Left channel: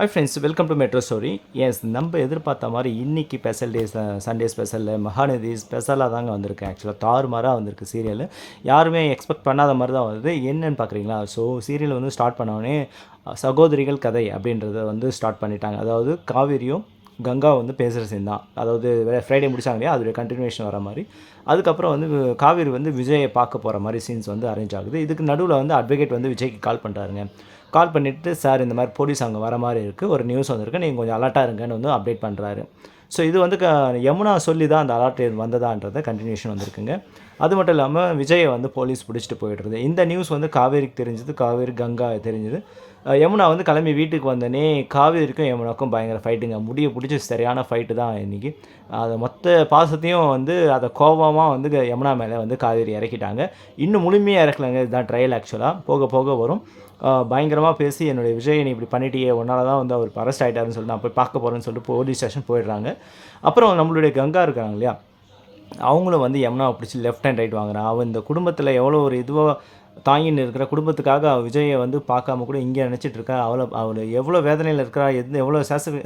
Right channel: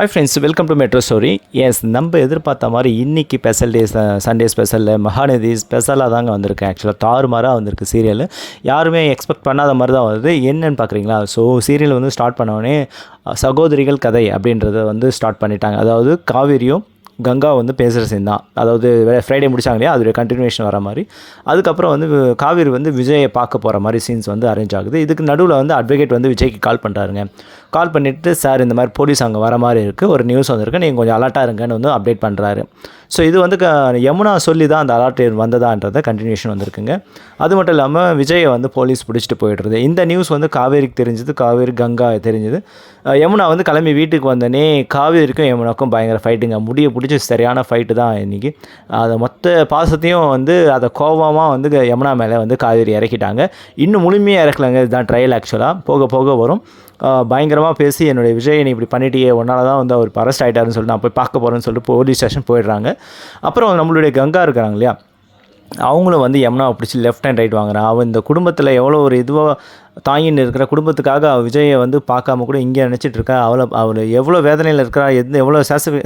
Hi friends welcome to metro story yes நம்ம எதிர்பார்த்த மாதிரி இன்றைக்கி ஸ்பெஷல் டேஸ் சண்டே ஸ்பெஷலில் மகாநதி ஸ்பெஷலாக தாங்க வந்திருக்கு. ஆக்சுவலாக தாறுமாறாக வந்திருக்கு சீரியல் யாருமே எக்ஸ்பெக்ட் பண்ணாத மாதிரி தான் வருது என்னன்னு பார்க்குறீங்களா? ஸோ சீரியல் வந்து ஸ்டார்ட் பண்ணோடனே சகோதரிகள் கதை அப்படின்றத வந்து ஸ்டார்ட் பண்ணிட்டாங்க. அதாவது காவேரியும் கங்கா வந்து பேசுகிற சீன் தான். அதாவது ஃப்ரைடே முடிச்சாங்க இல்லையா? அதோடைய கண்டினியூஷன் வர மாதிரி. அதுக்கப்புறம் வந்து காவேரி வந்து விஜயை பார்க்க போகிற மாதிரி சீன்ஸ் வந்து அரேஞ்ச் ஆகுது. இதுக்கு நடுவில் வந்து அட்வொகேட் வந்து விஜய்க்கு கால் பண்ணுறாருங்க கால் பண்ணிவிட்டு சார் இந்த மாதிரி போலீஸ் அங்கே வர மாதிரி இருக்குது ஒரு நியூஸ் வந்திருக்கு. நீங்கள் கொஞ்சம் அலர்ட்டாக இருங்கன்னு வந்து அப்டேட் பண்ணுறாரு ஸோ இது வந்து க யமுனா சொல்லி தான் அந்த அலர்ட் வந்ததான்றத கண்டினியூஷன் வந்திருக்குங்க. அது மட்டும் இல்லாமல் விஜயை வந்து போலீஸ் பிடிச்சிட்டு போயிடுறது. இந்த நியூஸ் வந்து காவேரிக்கு தெரிஞ்சது. காவேரி கங்கா தெரிஞ்சது. யமுனா வந்து கிளம்பி வீட்டுக்கு வந்தோடனே காவேரிக்கும் யமுனாக்கும் பயங்கர ஃபைட்டுங்க முடிய பிடிச்சி சரியான ஃபைட்டு தான் இன்றைக்கி அதை மொத்த பாசத்தையும் வந்து அதை கோபமாக வந்து யமுனா மேலே வந்து காவேரி இறக்கிட்டாங்க. இன்னும் முழுமையாக இறக்கலங்க. இதுதான் ட்ரையல் ஆக்சுவலாக போக போக வரும். பயங்கரமாக பேசி என்னுடைய விஜய் நீ இப்படி பண்ணிட்டியே உன்னால தான் வந்து அவர் அரெஸ்ட் ஆகிட்டாருன்னு சொல்லிட்டு நான் போய் பார்க்க போகிறேன்னு சொல்லிட்டு போலீஸ் ஸ்டேஷன் போயிடுறாங்க. அப்புறம் நம்மளுடைய கங்கா இருக்கிறாங்க இல்லையா? அவங்களும் வந்து யமுனாவை பிடிச்சி லெஃப்ட் ஹேண்ட் ரைட் வாங்குறான். அவன் இந்த குடும்பத்தில் எவ்வளோ ஒரு இதுவாக தாயின் இருக்கிற குடும்பத்துக்காக அவள் விஜயை வந்து பார்க்காம கூட இங்கே நினச்சிட்டு இருக்கா? அவளை அவள் எவ்வளோ வேதனையில் இருக்கிறா? எந்த எவ்வளோ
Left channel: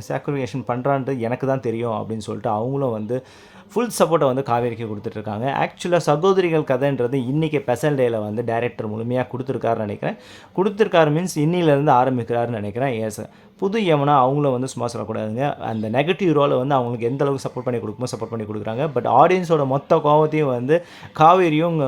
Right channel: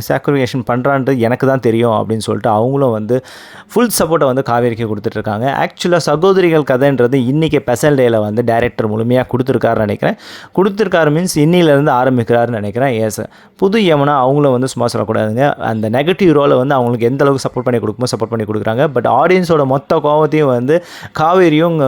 சாக்ரிஃபிகேஷன் பண்ணுறான்றது எனக்கு தான் தெரியும் அப்படின்னு சொல்லிட்டு அவங்களும் வந்து ஃபுல் சப்போர்ட்டை வந்து காவேரிக்கு கொடுத்துட்ருக்காங்க ஆக்சுவலாக சகோதரிகள் கதைன்றது இன்றைக்கி ஸ்பெஷல் டேயில் வந்து டேரக்டர் முழுமையாக கொடுத்துருக்காருன்னு நினைக்கிறேன். கொடுத்துருக்காரு மீன்ஸ் இன்னிலேருந்து ஆரம்பிக்கிறாருன்னு நினைக்கிறேன். எஸ் புது யமுனா அவங்களும் வந்து சும்மா சொல்லக்கூடாதுங்க. அந்த நெகட்டிவ் ரோலை வந்து அவங்களுக்கு எந்த அளவுக்கு சப்போர்ட் பண்ணி கொடுக்குமோ சப்போர்ட் பண்ணி கொடுக்குறாங்க. பட் ஆடியன்ஸோட மொத்த கோவத்தையும் வந்து காவேரியும்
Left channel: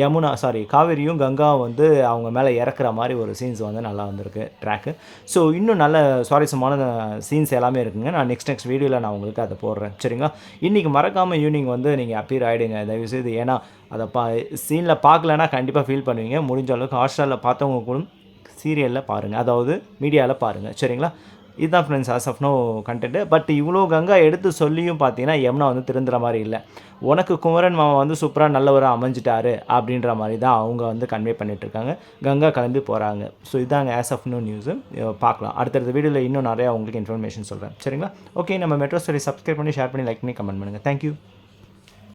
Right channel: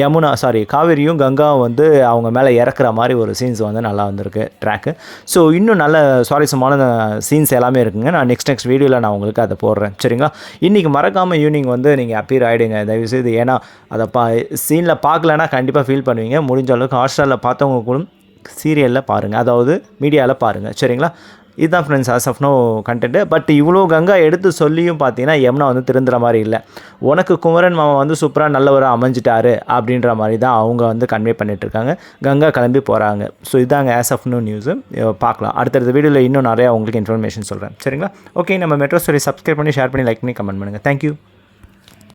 யமுனா சாரி காவேரியும் கங்காவும் வந்து அவங்க மேலே இறக்குற மாதிரி ஒரு சீன்ஸ் வந்து நல்லா வந்திருக்கு ட்ராக்கு ஸோ இன்னும் நல்ல சுவாரஸ்யமான சீன்ஸ் எல்லாமே இருக்குங்க. நான் நெக்ஸ்ட் நெக்ஸ்ட் வீடியோவில் நான் உங்களுக்கு அதை போடுறேன். சரிங்களா? இன்றைக்கி மறக்காமல் ஈவினிங் வந்து நீங்கள் அப்பீர் ஆகிடுங்க தயவுசெய்து ஏன்னா அதை பா சீனில் பார்க்கலன்னா கண்டிப்பாக ஃபீல் பண்ணுவீங்க. முடிஞ்ச அளவுக்கு ஹாட்ஸ்டாரில் பார்த்தவங்க கூட சீரியலில் பாருங்கள் அதாவது மீடியாவில் பாருங்கள் சரிங்களா? இதுதான் friends as of no content but இவ்வளோ கங்கா எடுத்து சொல்லியும் பார்த்தீங்கன்னா யமுனா வந்து திருந்துற மாதிரி இல்லை. உனக்கு குமரன் மாமா வந்து சூப்பராக நல்லவராக அமைஞ்சிட்டாரு அப்படின்ற மாதிரி தான் அவங்க வந்து கன்வே பண்ணிகிட்ருக்காங்க கங்கா கிளம்பி போகிறாங்க ஸோ இதாங்க ஆஸ் ஆஃப் நோ நியூஸு பார்க்கலாம். அடுத்தடுத்த வீடியோவில் இன்னும் நிறையா உங்களுக்கு இன்ஃபர்மேஷன் சொல்கிறேன் சரிங்களா? ஓகே நம்ம மெட்ரோ ஸ்டோரி சப்ஸ்கிரைப் பண்ணி ஷேர் பண்ணி லைக் பண்ணி கமெண்ட் பண்ணுங்கள் தேங்க்யூ